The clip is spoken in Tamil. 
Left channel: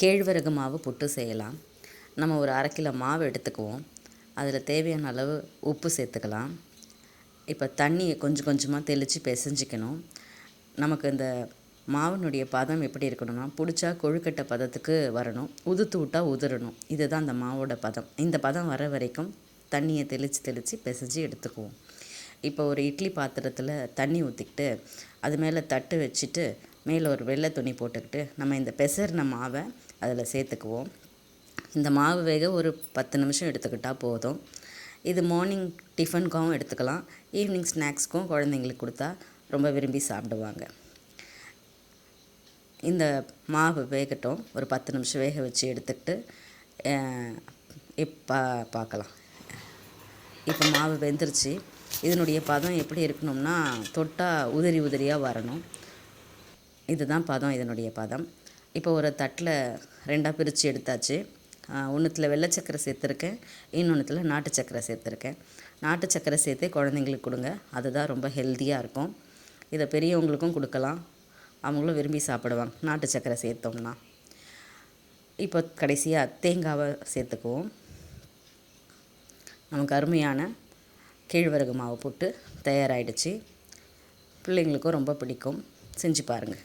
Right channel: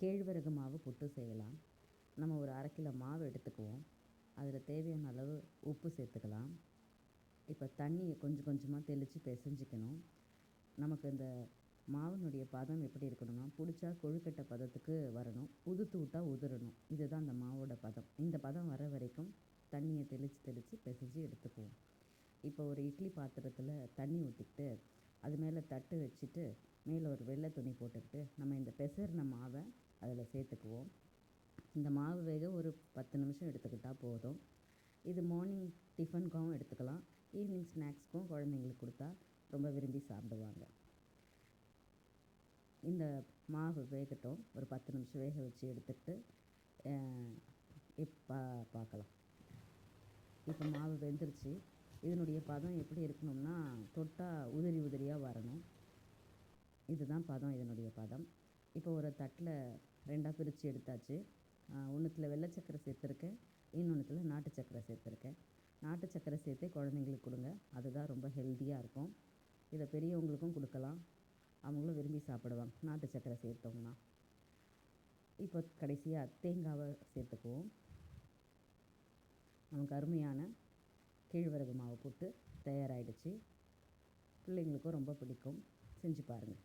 கேழ்வரகு மாவு புட்டு செய்யலாம். நம்ம ஒரு 1/2 கிலோ மாவு எடுத்துக்குவோம். அதில் தேவையான அளவு உப்பு சேர்த்துக்கலாம். இப்போ தண்ணியை கொஞ்சம் கொஞ்சமாக தெளித்து பிசைஞ்சிக்கணும். நமக்கு இந்த மாவினுடைய பதம் எப்படி இருக்கணும்னா, பிடிச்சா கொழுக்கட்டை பதத்துக்கு வரணும், உதுத்து விட்டால் உதிரணும். இதுதான் அந்த மாவோட பதம். இந்த பதம் வர வரைக்கும் தண்ணியை தெளித்து தெளித்து பிசைஞ்சு எடுத்துக்குவோம். இப்போ ஒரு இட்லி பாத்திரத்தில் தண்ணி ஊற்றிக்கிட்டு அது மேலே தட்டு வச்சுட்டு மேலே ஒரு வெள்ளை துணி போட்டுக்கிட்டு நம்ம இந்த பிசறின மாவை அதில் சேர்த்துக்குவோம். இந்த மாவு வேக ஒரு 10 நிமிஷம் எடுத்துக்கிட்டால் போதும். இது மார்னிங் டிஃபனுக்காகவும் எடுத்துக்கலாம், ஈவினிங் ஸ்நாக்ஸ்க்கும் குழந்தைங்களுக்கு கொடுத்தா ரொம்ப விரும்பி சாப்பிடுவாங்க. இந்த மாவு வேகட்டும், ஒரு 10 நிமிஷம் வேக வச்சு எடுத்துக்கிட்டு இப்போ பார்க்கலாம். இப்போ மாவு வெந்துருச்சு. இதனுடைய பதம் எப்படி இருக்கணும்னா, தொட்டால் உதிரி உதிரியாக வரணும். இதுதான் பதம், இதனுடைய பதம். இப்போ ஒரு தட்டில் 2ஆக பிரித்து எடுத்தாச்சு. ஒன்றுத்தில் வெள்ளை சக்கரை சேர்த்துருக்கேன், இன்னொன்றுத்தில் நாட்டு சக்கரை சேர்த்துருக்கேன். நாட்டு சக்கரை சேர்த்து குழந்தைங்களுக்கு கொடுங்க, அதுதான் ரொம்ப ஹெல்த்தியாக இருக்கும். இதை பெரியவங்களுக்கும் கொடுக்கலாம், அவங்களும் விரும்பி சாப்பிடுவாங்க நாட்டு சக்கரை சேர்த்தோம்னா. இப்போ கடைசியாக தேங்காவை சேர்த்துக்குவோம். நமக்கு அருமையான கேழ்வரகு மாவு புட்டு தயாராகிடுச்சு. பிள்ளைங்களுக்கும் ரொம்ப பிடிக்கும், செஞ்சு பாருங்கள்.